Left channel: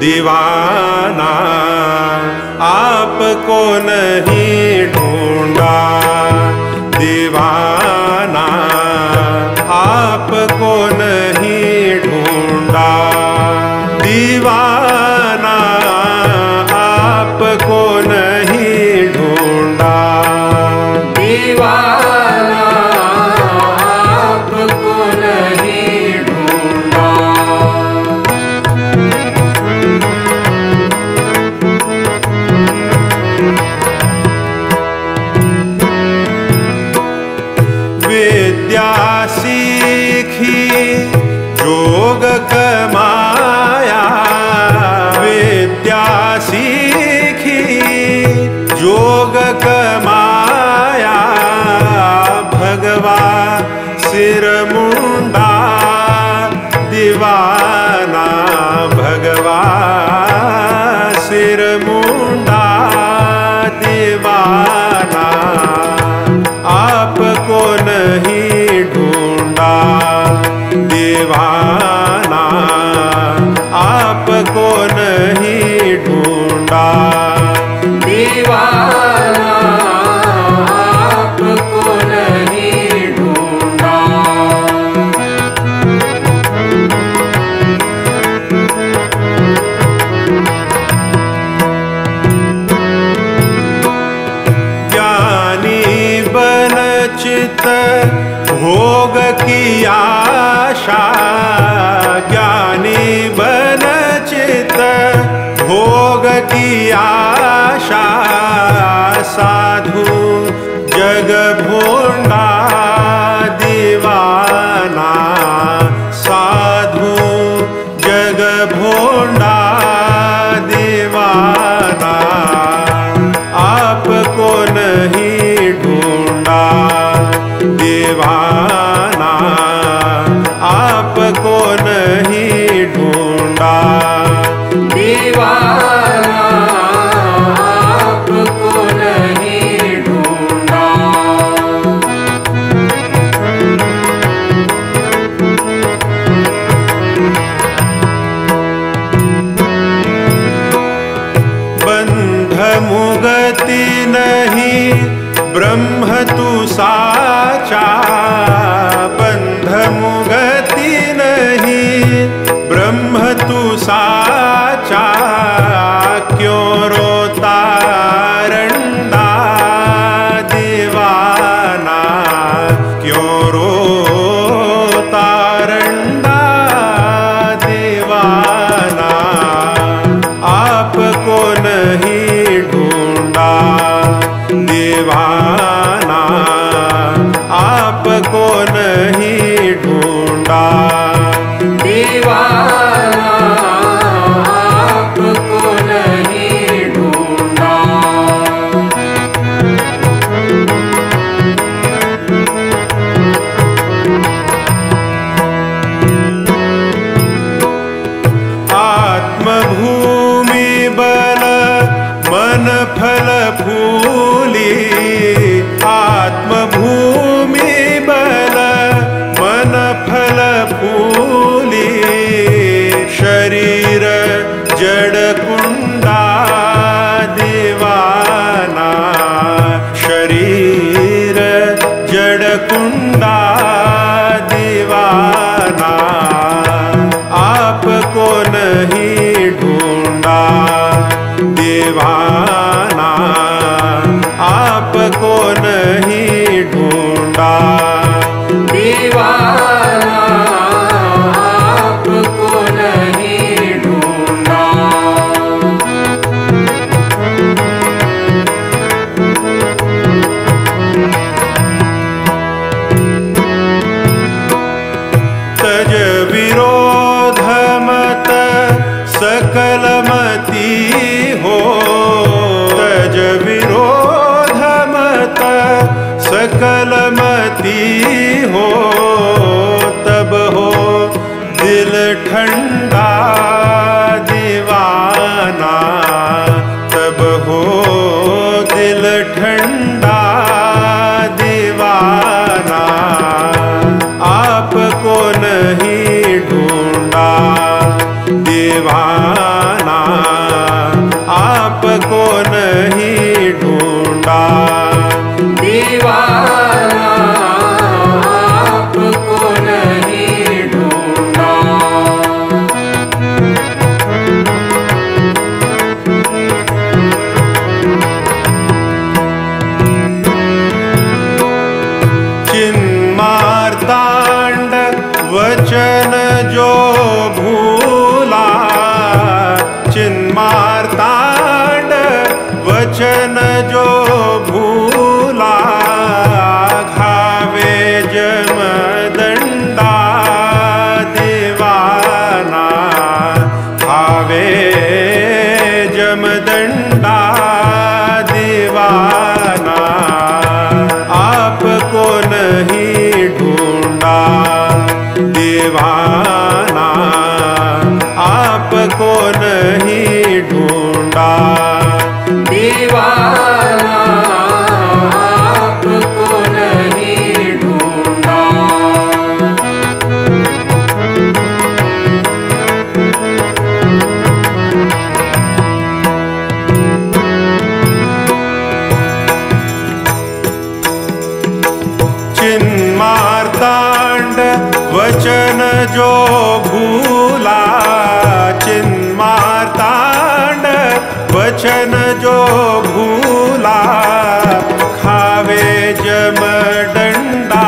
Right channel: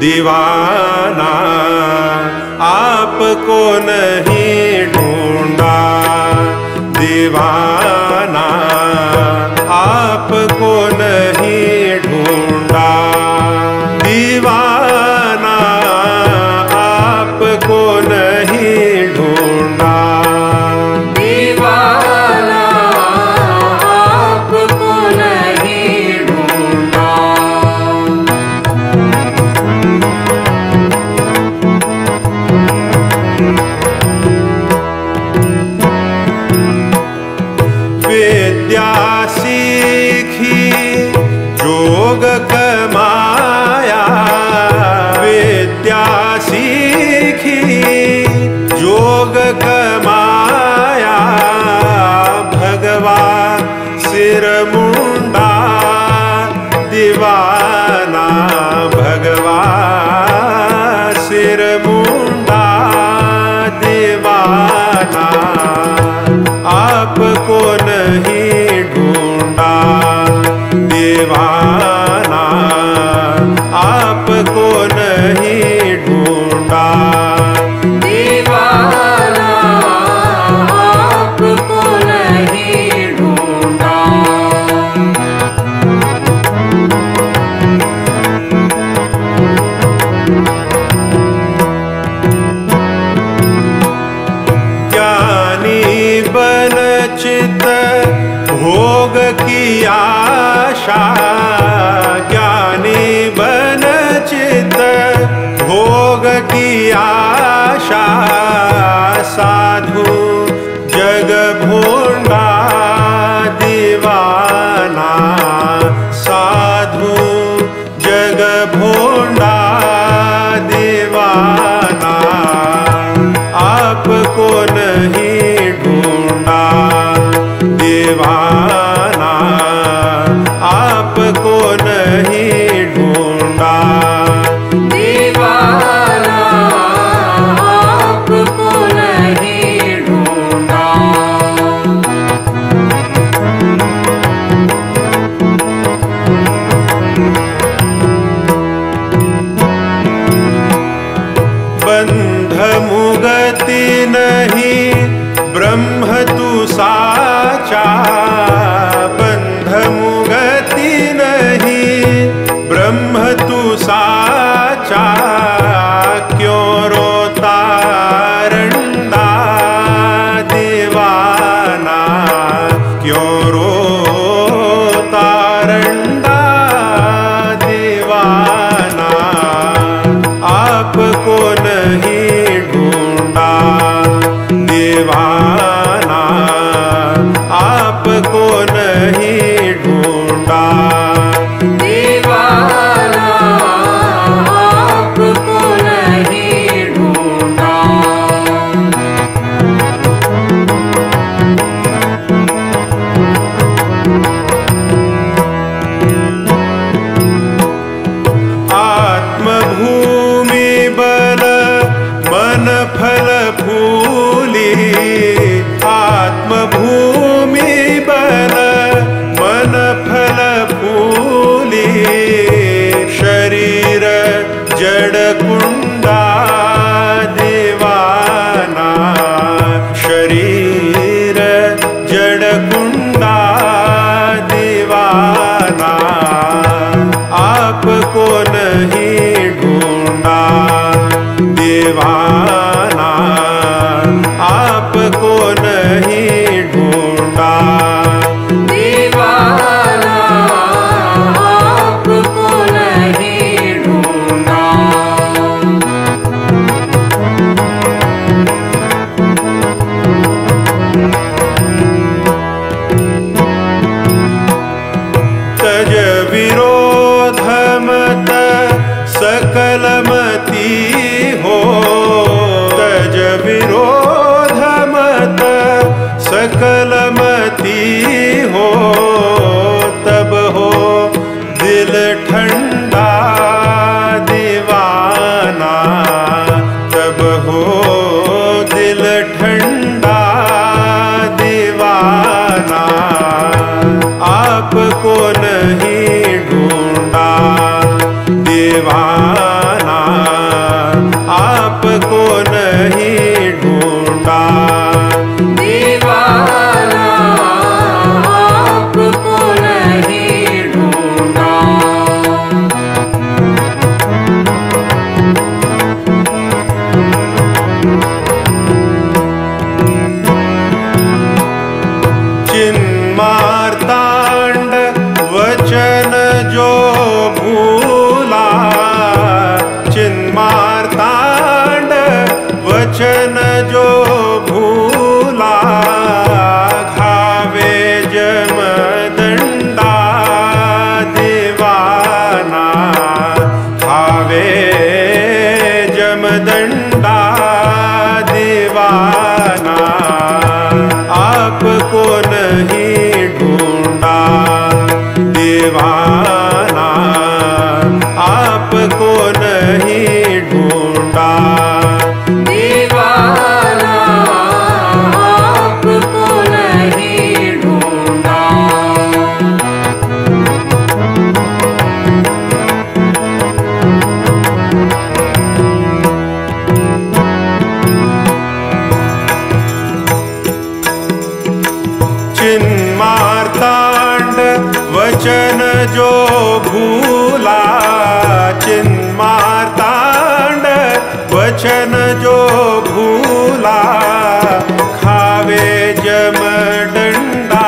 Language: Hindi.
दीवाना आपको नहीं ढूंढा, दीवाना आपको नहीं ढूंढा, दीवाना आपको नहीं ढूंढा, दीवाना आपको नहीं ढूंढा। विद्या सीखी जोग कमाया, विद्या सीखी जोग कमाया, भगवा सिर मुंडा, दीवाना भगवा सिर मुंडा, दीवाना आपको नहीं ढूंढा, दीवाना आपको नहीं ढूंढा, दीवाना आपको नहीं ढूंढा। ज्ञानी बन चित भोग की आशा, ज्ञानी बन चित भोग की आशा, साधु जग भोंडा, दीवाना साधु जग भोंडा, दीवाना आपको नहीं ढूंढा, दीवाना आपको नहीं ढूंढा, दीवाना आपको नहीं ढूंढा। बंध मुगति नहीं ब्रह्म तू साचा, बंध मुगति नहीं ब्रह्म तू साचा, क्यों रोता रंडा, दीवाना क्यों रोता रंडा, दीवाना आपको नहीं ढूंढा, दीवाना आपको नहीं ढूंढा, दीवाना आपको नहीं ढूंढा। आत्मभूमि बल मन फल फूली, आत्मभूमि बल मन फल फूली, शरीर जड़ कुंडा, दीवाना शरीर जड़ कुंडा, दीवाना आपको नहीं ढूंढा, दीवाना आपको नहीं ढूंढा, दीवाना आपको नहीं ढूंढा। तज विरोध मत सकल मति हो, तज विरोध मत सकल मति हो, तब हो दिल ठंडा, दीवाना तब हो दिल ठंडा, दीवाना आपको नहीं ढूंढा, दीवाना नहीं ढूंढा। दीवाना आपको नहीं ढूंढा। चिन्मार्तांड वचन जो भूला, चिन्मार्तांड वचन जो भूला, घावे जमदंडा दीवाना, घावे जमदंडा दीवाना, आपको नहीं ढूंढा। दीवाना आपको नहीं ढूंढा। दीवाना आपको नहीं ढूंढा। चिन्मार्तांड वचन जो भूला, चिन्मार्तांड वचन जो भूला, खावे जमदंडा